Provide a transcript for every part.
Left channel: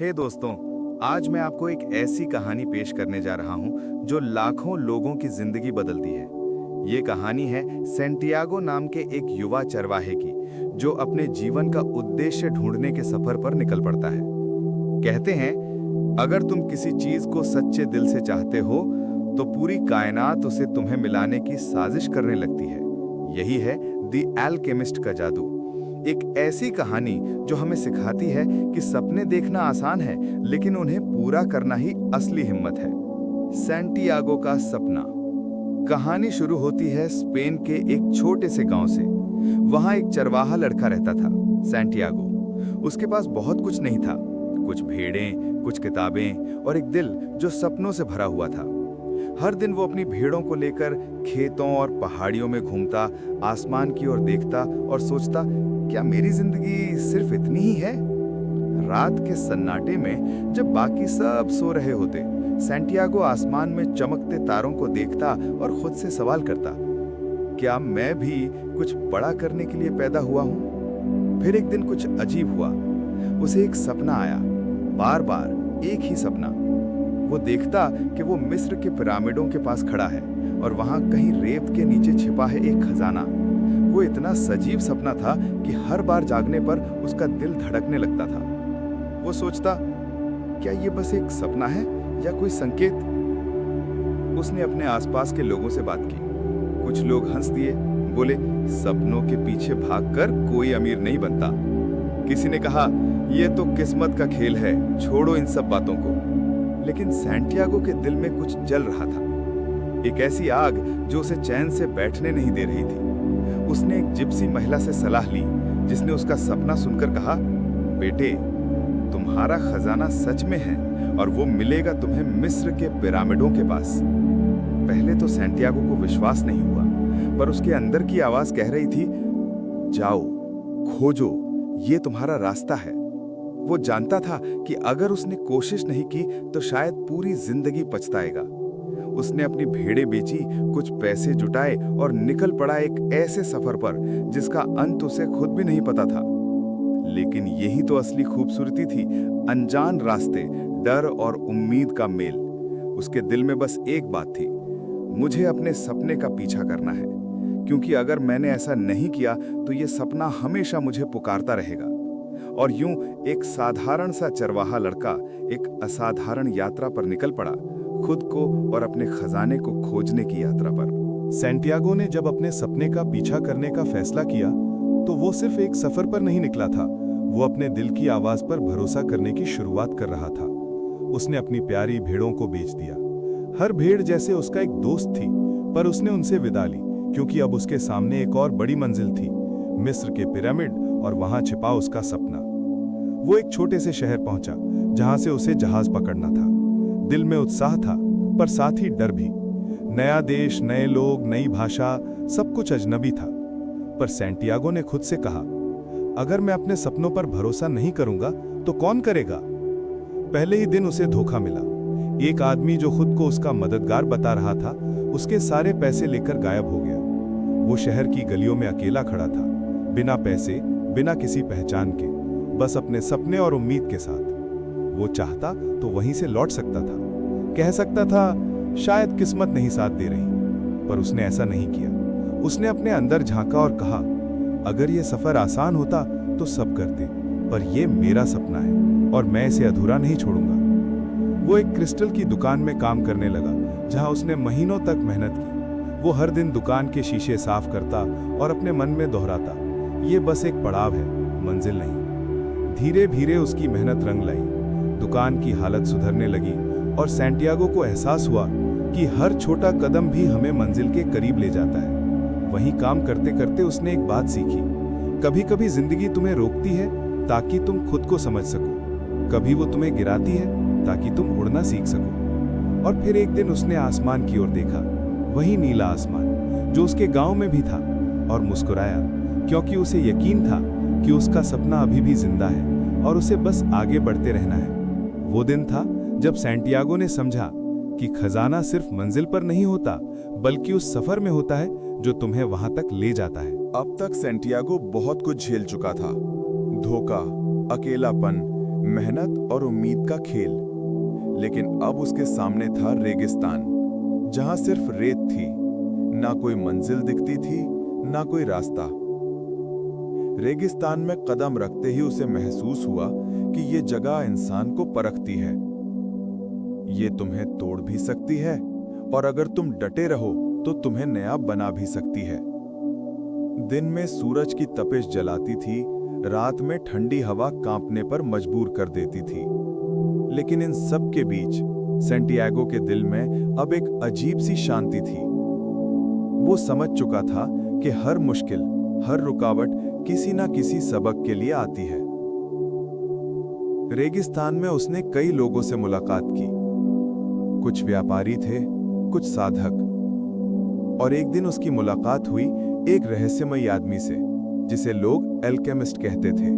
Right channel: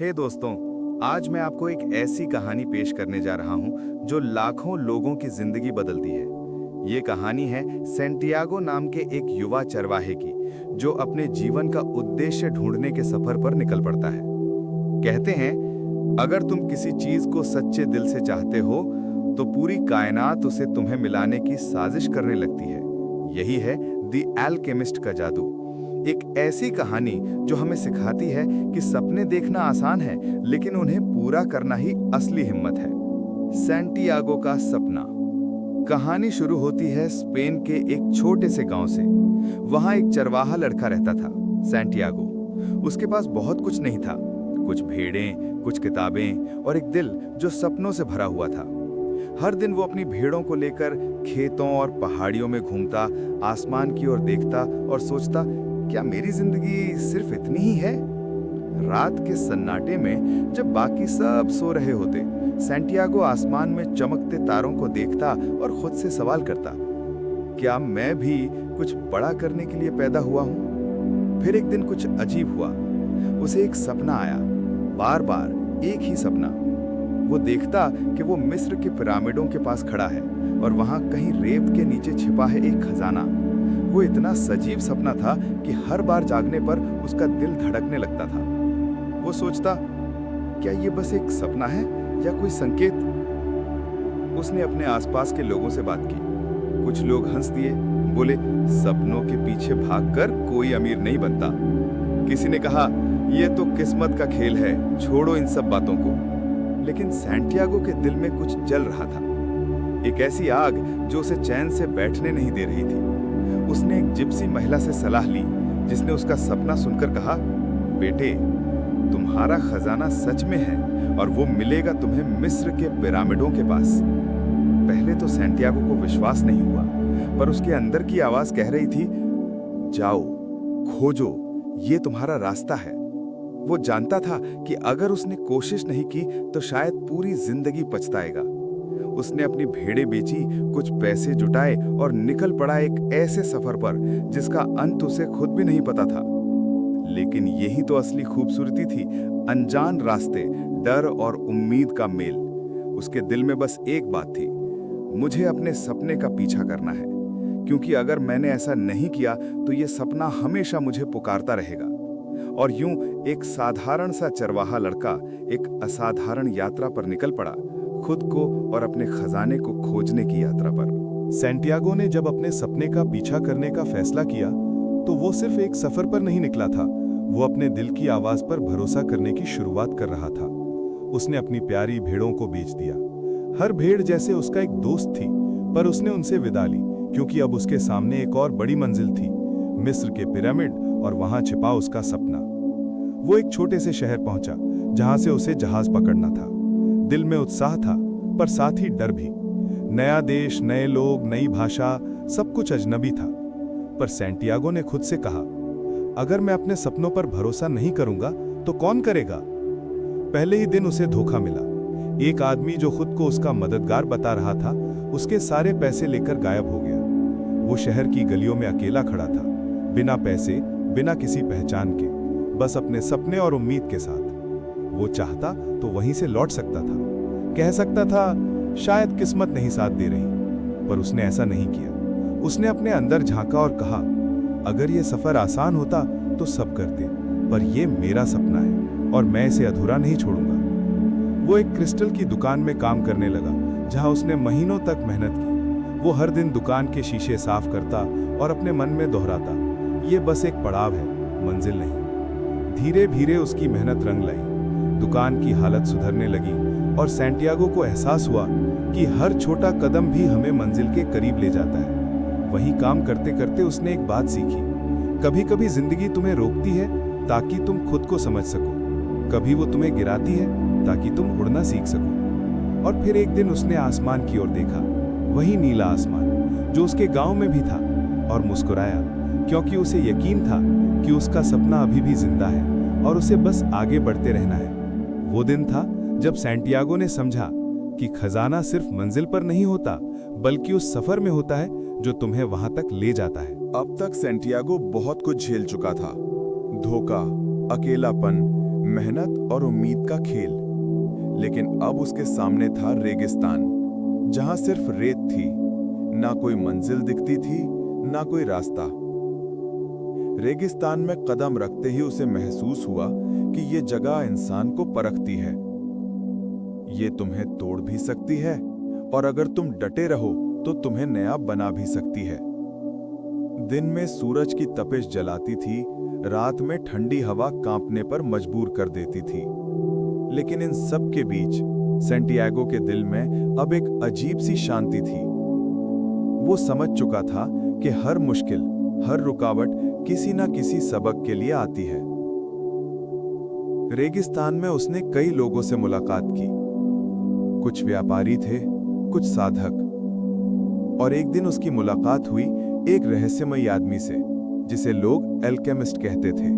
हे दोस्तों, आज मैं आपको एक ऐसी कहानी पेश करने जा रहा हूं जो लाखों लोगों की जिंदगी बदलती है। ये कहानी है सैंटियागो नाम के एक युवा चरवाहे की, जो अपने जीवन का उद्देश्य ढूंढने के सफर पर निकल पड़ता है। कहते हैं, अगर तुम किसी चीज को सच्चे दिल से चाहते हो, तो पूरी कायनात उसे तुम्हें मिलाने की साजिश करने लगती है। यही है द एल्केमिस्ट का जादू। एक ऐसी कहानी जो हमें सिखाती है कि सपने देखना आसान है, लेकिन उन्हें पूरा करना ही असली हिम्मत है। सैंटियागो का सपना। कहानी शुरू होती है स्पेन के एक छोटे से गांव से। वहां एक चरवाहा लड़का रहता था, सैंटियागो। उसके पास बहुत कुछ नहीं था, कुछ भेड़ें, कुछ किताबें और एक दिल जो सपनों से भरा हुआ था। हर दिन वो अपनी भेड़ों को लेकर खेतों और पहाड़ियों में घूमता, आसमान की ओर देखता और सोचता, क्या मेरी जिंदगी सिर्फ इतनी ही है? रात के सन्नाटे में जब बाकी सब सो रहे होते, सैंटियागो आसमान में चमकते तारों को देखता और खुद से सवाल करता, क्या मैं भी कुछ बड़ा करने के लिए पैदा हुआ हूं? फिर एक दिन कुछ अजीब हुआ। उसे एक सपना आया, बार बार एक ही सपना। वो देखता कि वो मिस्र के पिरामिडों के पास खड़ा है और वहां कहीं रेत के नीचे छिपा है एक खजाना। वो इतना सजीव सपना था कि हर बार जागने पर उसका दिल धड़कने लगता था। वो सोचता, क्या ये बस एक सपना है या कोई संकेत? उसने अपने आसपास के लोगों से बात की। कुछ लोग हंस दिए, बोले, सपनों के पीछे भागकर कोई अमीर नहीं बनता। किसी ने कहा, ये तो किस्मत का खेल है, छोड़ो इन सब बातों को। लेकिन सैंटियागो के दिल में कुछ जल रहा था, एक ऐसी आग जो उसे चैन से बैठने नहीं दे रही थी। उसने एक जिप्सी महिला से सलाह ली, जिसने उसका सपना सुनकर कहा, बेटे, तुम्हारा खजाना सच में है और वो मिलेगा तुम्हें मिस्र के पिरामिडों के पास। पहले तो सैंटियागो को विश्वास नहीं हुआ, पर उसके अंदर की आवाज कह रही थी, जाओ, खोजो, ये तुम्हारा रास्ता है। वो जानता था कि अगर उसने कोशिश नहीं की तो शायद पूरी जिंदगी पछताएगा। उसने अपनी भेड़ें बेची, कुछ पैसे जुटाए और निकल पड़ा एक ऐसे सफर पर जिसका अंत उसे खुद भी नहीं पता था। लेकिन यही तो असली खूबसूरती थी, अनजान रास्ते, डर और उम्मीद का मेल। उसके दिल में बस एक बात थी, मुझे अपने सपने का पीछा करना है, क्योंकि अगर मैंने ऐसा नहीं किया तो ये सपना हमेशा मुझे पुकारता रहेगा। और यूं एक साधारण सा चरवाहा लड़का एक असाधारण यात्रा पर निकल पड़ा, खुद को और अपने खजाने को खोजने की यात्रा पर। सैंटियागो ने जब अपने सपने का पीछा करने का फैसला किया, तो वो सिर्फ एक सफर पर नहीं निकला था, वो अपने दिल की आवाज पर भरोसा करने की शुरुआत कर रहा था। उसने अपनी प्यारी भेड़ों को बेच दिया। हर भेड़ जैसे उसका एक दोस्त थी, पर उसने उनसे विदा ली, क्योंकि अब उसके सामने एक और बड़ी मंजिल थी, मिस्र के पिरामिड और वहां छिपा उसका सपना। वो एक छोटे से शहर पहुंचा, जहां से उसे जहाज पकड़ना था। दिल में उत्साह था, पर साथ ही डर भी। नया देश, नए लोग, नई भाषा, सब कुछ अजनबी था। पर सैंटियागो ने खुद से कहा, अगर मैं अपने सपनों पर भरोसा नहीं करूंगा तो कौन करेगा? पहले ही दिन उसे धोखा मिला। एक आदमी जो खुद को उसका मददगार बता रहा था, उसके सारे पैसे लेकर गायब हो गया। वो शहर की गलियों में अकेला खड़ा था, बिना पैसे, बिना किसी पहचान के, बस अपने सपने और उम्मीद के साथ। वो चाहता तो वहीं से लौट सकता था, कह सकता था शायद किस्मत नहीं साथ दे रही, पर उसने ऐसा नहीं किया। उसने अपने अंदर झांका और कहा, अगर ये सफर आसान होता तो सब करते, पर ये मेरा सपना है और मैं इसे अधूरा नहीं छोड़ूंगा। वो एक क्रिस्टल की दुकान में काम करने लगा, जहां उसने महीनों तक मेहनत की। वो हर दिन दुकान के शीशे साफ करता और अपने मन में दोहराता, ये बस एक पड़ाव है, मंजिल नहीं। धीरे धीरे उसकी मेहनत रंग लाई, दुकान की हालत सुधरने लगी और सैंटियागो को एहसास हुआ कि हर छोटा कदम भी हमें मंजिल के करीब ले जाता है। वहीं काम करते करते उसने एक बात सीखी, कभी कभी जिंदगी तुम्हें रोकती है ताकि तुम खुद को समझ सको, कभी वो तुम्हें गिराती है ताकि तुम उड़ना सीख सको। और फिर एक दिन उसने आसमान की ओर देखा, वही नीला आसमान जो उसके गांव में भी था, और मुस्कुराया, क्योंकि उसे यकीन था कि उसका सपना अभी भी जिंदा है और उसे बस आगे बढ़ते रहना है। वो दिन था जब सैंटियागो ने समझा कि खजाना सिर्फ मंजिल पर नहीं होता, बल्कि उस सफर में होता है जो तुम्हें वहां तक ले जाता है। अब तक सैंटियागो बहुत कुछ झेल चुका था, धोखा, अकेलापन, मेहनत और उम्मीद का खेल। लेकिन अब उसके सामने था रेगिस्तान, जहां सिर्फ रेत थी, ना कोई मंजिल दिखती थी, ना कोई रास्ता। रेगिस्तान में कदम रखते ही उसे महसूस हुआ कि ये जगह इंसान को परखती है। ये तुम्हें तोड़ भी सकती है और अगर तुम डटे रहो तो तुम्हें नया बना भी सकती है। दिन में सूरज की तपिश जलाती थी, रात में ठंडी हवा कांपने पर मजबूर कर देती थी। लेकिन इन सब के बीच सैंटियागो के दिल में अब एक अजीब सी शांति थी। वो समझ चुका था कि हर मुश्किल, हर रुकावट किसी ना किसी सबक के लिए आती है। रेगिस्तान में उसने कई लोगों से मुलाकात की। कुछ व्यापारी थे, कुछ साधक, और एक दिन उसकी मुलाकात हुई एक रहस्यमयी आदमी से, जिसे लोग एल्केमिस्ट कहते थे।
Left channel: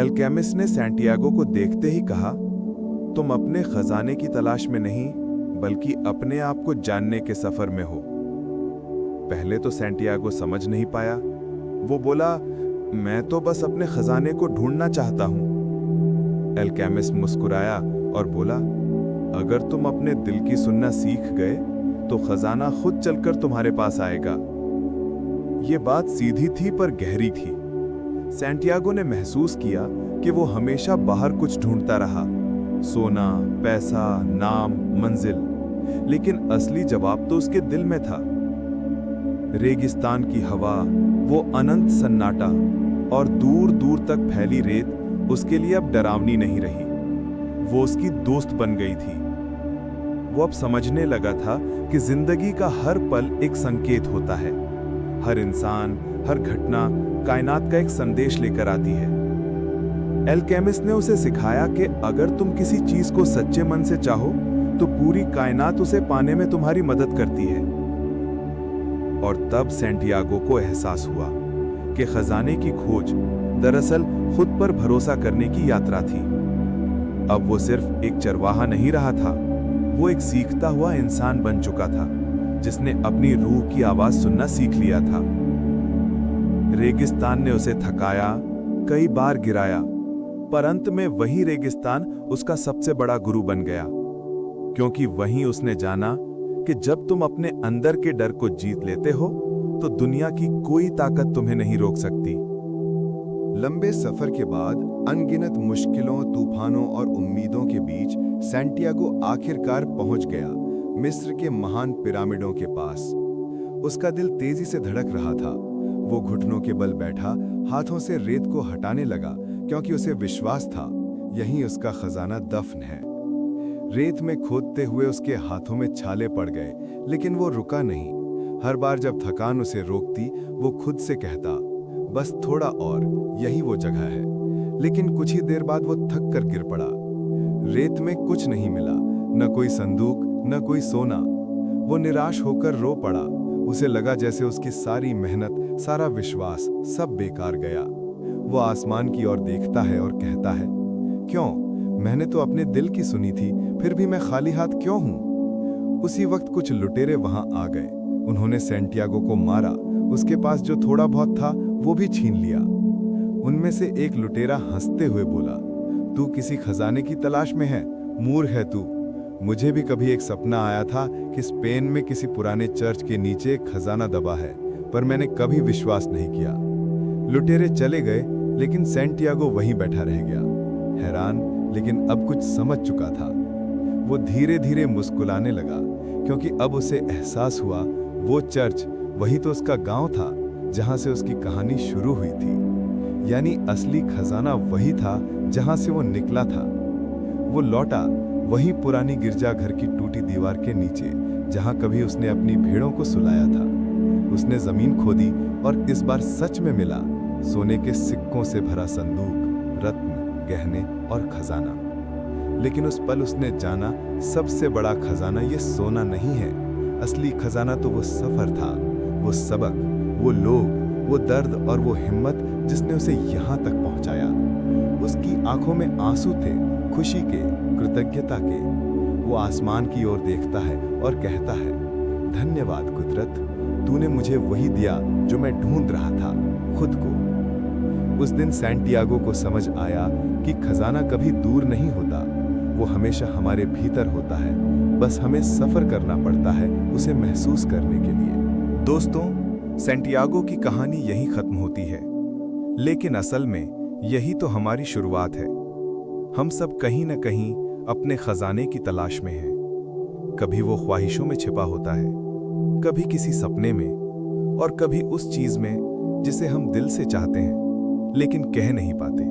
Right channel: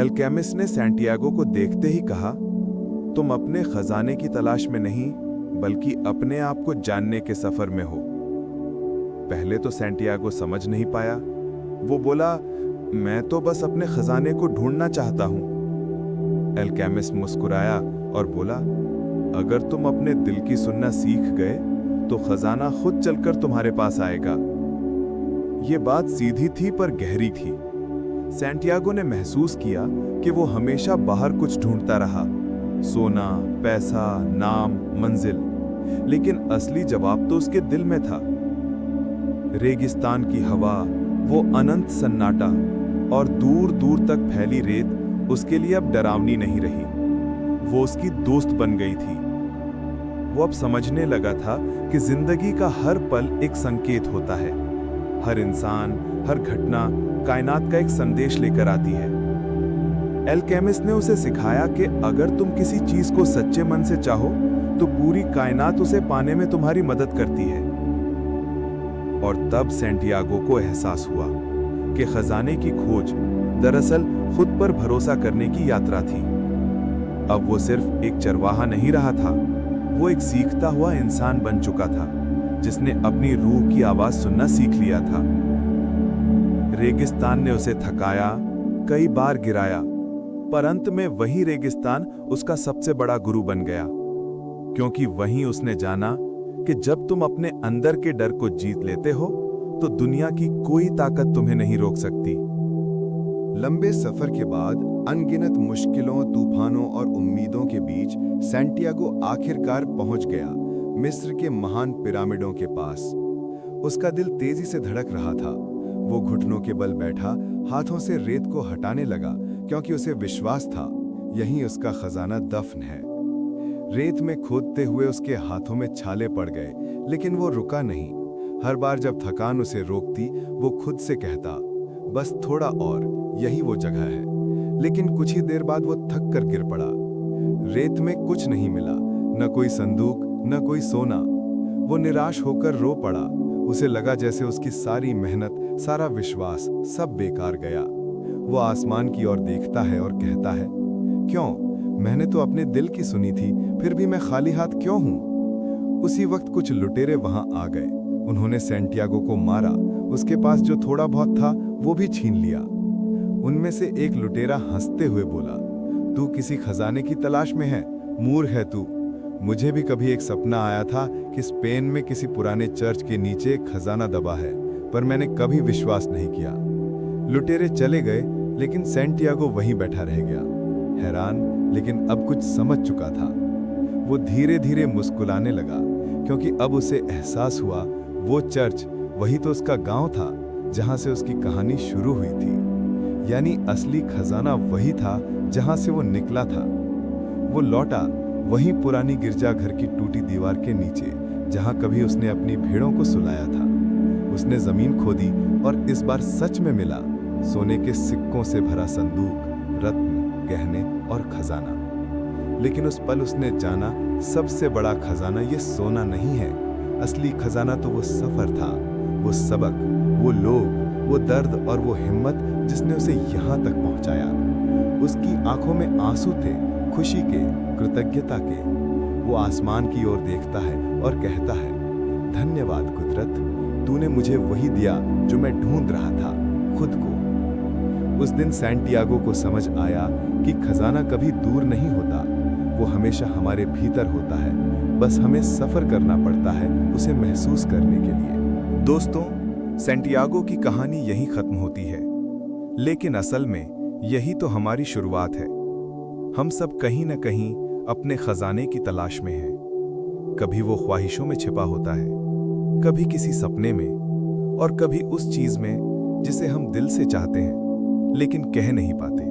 एल्केमिस्ट ने सैंटियागो को देखते ही कहा, तुम अपने खजाने की तलाश में नहीं, बल्कि अपने आप को जानने के सफर में हो। पहले तो सैंटियागो समझ नहीं पाया। वो बोला, मैं तो बस अपने खजाने को ढूंढना चाहता हूं। एल्केमिस्ट मुस्कुराया और बोला, अगर तुम अपने दिल की सुनना सीख गए तो खजाना खुद चलकर तुम्हारे पास आएगा। ये बात सीधी थी पर गहरी थी। सैंटियागो ने महसूस किया कि वो हमेशा बाहर कुछ ढूंढता रहा, सोना, पैसा, नाम, मंजिल, लेकिन असली जवाब तो उसके दिल में था। रेगिस्तान की हवा, वो अनंत सन्नाटा और दूर दूर तक फैली रेत उसके लिए अब डरावनी नहीं रही, वो उसकी दोस्त बन गई थी। वो अब समझने लगा था कि जिंदगी का हर पल एक संकेत होता है। हर इंसान, हर घटना कायनात का एक संदेश लेकर आती है। एल्केमिस्ट ने उसे सिखाया कि अगर तुम किसी चीज को सच्चे मन से चाहो तो पूरी कायनात उसे पाने में तुम्हारी मदद करती है। और तब सैंटियागो को एहसास हुआ कि खजाने की खोज दरअसल खुद पर भरोसा करने की यात्रा थी। अब वो सिर्फ एक चरवाहा नहीं रहा था, वो एक सीखता हुआ इंसान बन चुका था, जिसने अपनी रूह की आवाज सुनना सीख लिया था। रेगिस्तान ने उसे थकाया, कई बार गिराया, पर अंत में वही रेगिस्तान उसका सबसे बड़ा गुरु बन गया, क्योंकि वहीं उसने जाना कि जब तुम अपने अंदर के डर को जीत लेते हो तो दुनिया की कोई ताकत तुम्हें नहीं रोक सकती। लंबे सफर के बाद, अनगिनत मुश्किलों, तूफानों और उम्मीदों के बीच सैंटियागो आखिरकार पहुंच गया मिस्र के महान पिरामिडों के पास। उसका दिल तेजी से धड़क रहा था। वो घुटनों के बल बैठा, हाथों से रेत को हटाने लगा, क्योंकि उसे विश्वास था यहीं उसका खजाना दफन है। रेत में खोदते हुए उसके हाथों में छाले पड़ गए, लेकिन वो रुका नहीं। हर बार जब थकान उसे रोकती, वो खुद से कहता, बस थोड़ा और, यही वो जगह है। लेकिन कुछ ही देर बाद वो थक कर गिर पड़ा। रेत में कुछ नहीं मिला, न कोई संदूक, न कोई सोना। वो निराश होकर रो पड़ा। उसे लगा जैसे उसकी सारी मेहनत, सारा विश्वास सब बेकार गया। वो आसमान की ओर देखता है और कहता है, क्यों? मैंने तो अपने दिल की सुनी थी, फिर भी मैं खाली हाथ क्यों हूं? उसी वक्त कुछ लुटेरे वहां आ गए। उन्होंने सैंटियागो को मारा। उसके पास जो थोड़ा बहुत था वो भी छीन लिया। उनमें से एक लुटेरा हंसते हुए बोला, तू किसी खजाने की तलाश में है? मूर्ख है तू। मुझे भी कभी एक सपना आया था कि स्पेन में किसी पुराने चर्च के नीचे एक खजाना दबा है, पर मैंने कभी विश्वास नहीं किया। लुटेरे चले गए, लेकिन सैंटियागो वहीं बैठा रह गया, हैरान, लेकिन अब कुछ समझ चुका था। वो धीरे धीरे मुस्कुराने लगा, क्योंकि अब उसे एहसास हुआ वो चर्च वही तो उसका गांव था, जहां से उसकी कहानी शुरू हुई थी। यानी असली खजाना वही था जहां से वो निकला था। वो लौटा वही पुरानी गिरजाघर की टूटी दीवार के नीचे, जहां कभी उसने अपनी भेड़ों को सुलाया था। उसने जमीन खोदी और इस बार सच में मिला सोने के सिक्कों से भरा संदूक, रत्न, गहने और खजाना। लेकिन उस पल उसने जाना, सबसे बड़ा खजाना ये सोना नहीं है। असली खजाना तो वो सफर था, वो सबक, वो लोग, वो दर्द और वो हिम्मत जिसने उसे यहां तक पहुंचाया। उसकी आंखों में आंसू थे, खुशी के, कृतज्ञता के। वो आसमान की ओर देखता है और कहता है, धन्यवाद कुदरत, तूने मुझे वही दिया जो मैं ढूंढ रहा था, खुद को। उस दिन सैंटियागो को समझ आया कि खजाना कभी दूर नहीं होता, वो हमेशा हमारे भीतर होता है, बस हमें सफर करना पड़ता है उसे महसूस करने के लिए। दोस्तों, सैंटियागो की कहानी यहीं खत्म होती है, लेकिन असल में यही तो हमारी शुरुआत है। हम सब कहीं न कहीं अपने खजाने की तलाश में हैं। कभी वो ख्वाहिशों में छिपा होता है, कभी किसी सपने में, और कभी उस चीज में जिसे हम दिल से चाहते हैं लेकिन कह नहीं पाते।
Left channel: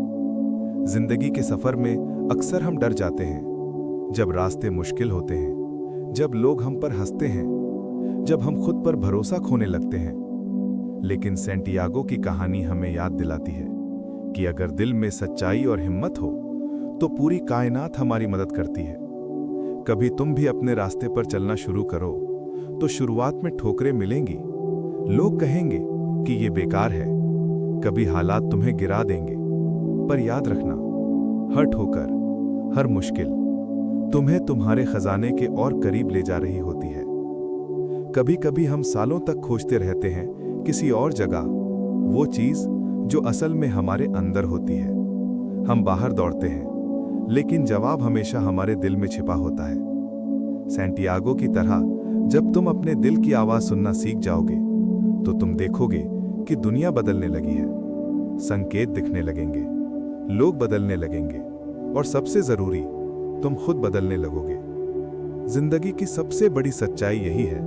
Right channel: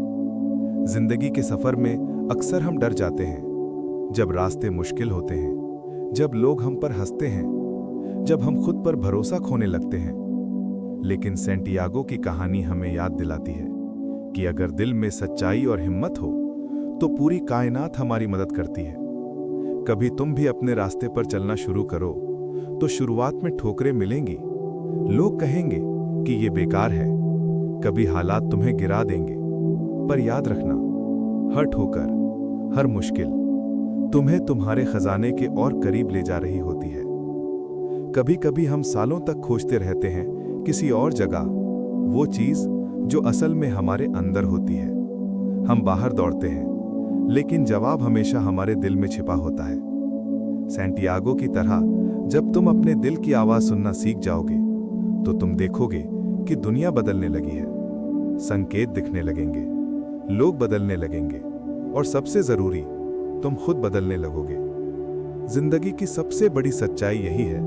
जिंदगी के सफर में अक्सर हम डर जाते हैं, जब रास्ते मुश्किल होते हैं, जब लोग हम पर हंसते हैं, जब हम खुद पर भरोसा खोने लगते हैं। लेकिन सैंटियागो की कहानी हमें याद दिलाती है कि अगर दिल में सच्चाई और हिम्मत हो तो पूरी कायनात हमारी मदद करती है। कभी तुम भी अपने रास्ते पर चलना शुरू करो तो शुरुआत में ठोकरें मिलेंगी, लोग कहेंगे कि ये बेकार है, कभी हालात तुम्हें गिरा देंगे, पर याद रखना, हर ठोकर, हर मुश्किल तुम्हें तुम्हारे खजाने के और करीब ले जा रही होती है। कभी कभी हम सालों तक खोजते रहते हैं किसी और जगह वो चीज जो असल में हमारे अंदर होती है। हम बाहर दौड़ते हैं, लेकिन जवाब हमेशा हमारे दिल में छिपा होता है। सैंटियागो की तरह जब तुम अपने दिल की आवाज सुनना सीख जाओगे तो तुम देखोगे कि दुनिया बदलने लगी है, संकेत दिखने लगेंगे, लोग बदलने लगेंगे, और सबसे जरूरी, तुम खुद बदलने लगोगे। जिंदगी की सबसे बड़ी सच्चाई यही है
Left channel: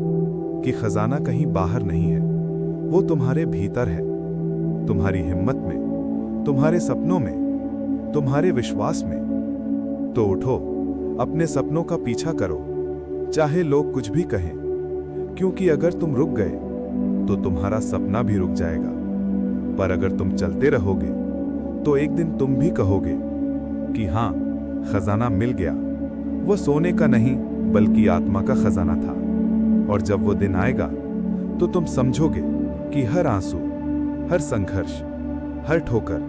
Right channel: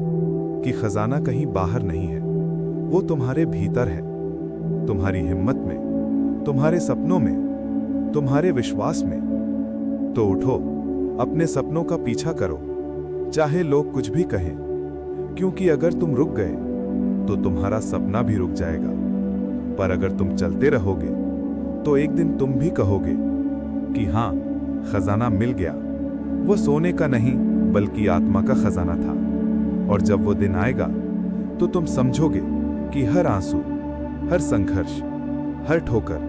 कि खजाना कहीं बाहर नहीं है, वो तुम्हारे भीतर है, तुम्हारी हिम्मत में, तुम्हारे सपनों में, तुम्हारे विश्वास में। तो उठो, अपने सपनों का पीछा करो, चाहे लोग कुछ भी कहें, क्योंकि अगर तुम रुक गए तो तुम्हारा सपना भी रुक जाएगा। पर अगर तुम चलते रहोगे तो एक दिन तुम भी कहोगे कि हाँ, खजाना मिल गया। वो सोने का नहीं बल्कि आत्मा का खजाना था। और जब वो दिन आएगा तो तुम समझोगे कि हर आंसू, हर संघर्ष, हर ठोकर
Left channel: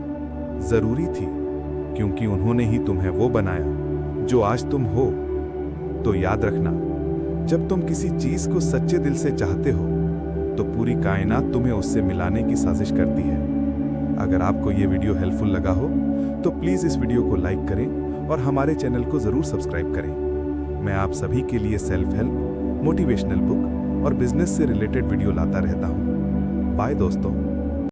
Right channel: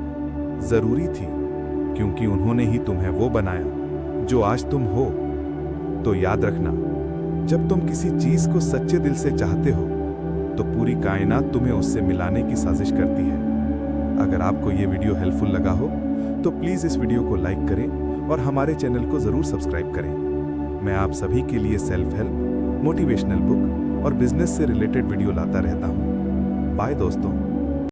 जरूरी थी, क्योंकि उन्होंने ही तुम्हें वो बनाया जो आज तुम हो। तो याद रखना, जब तुम किसी चीज को सच्चे दिल से चाहते हो तो पूरी कायनात तुम्हें उससे मिलाने की साजिश करती है। अगर आपको ये वीडियो हेल्पफुल लगा हो तो प्लीज इस वीडियो को लाइक करें और हमारे चैनल को जरूर सब्सक्राइब करें। मैं आप सभी के लिए सेल्फ हेल्प, मोटिवेशनल बुक और बिजनेस से रिलेटेड वीडियो लाता रहता हूँ। बाय दोस्तों।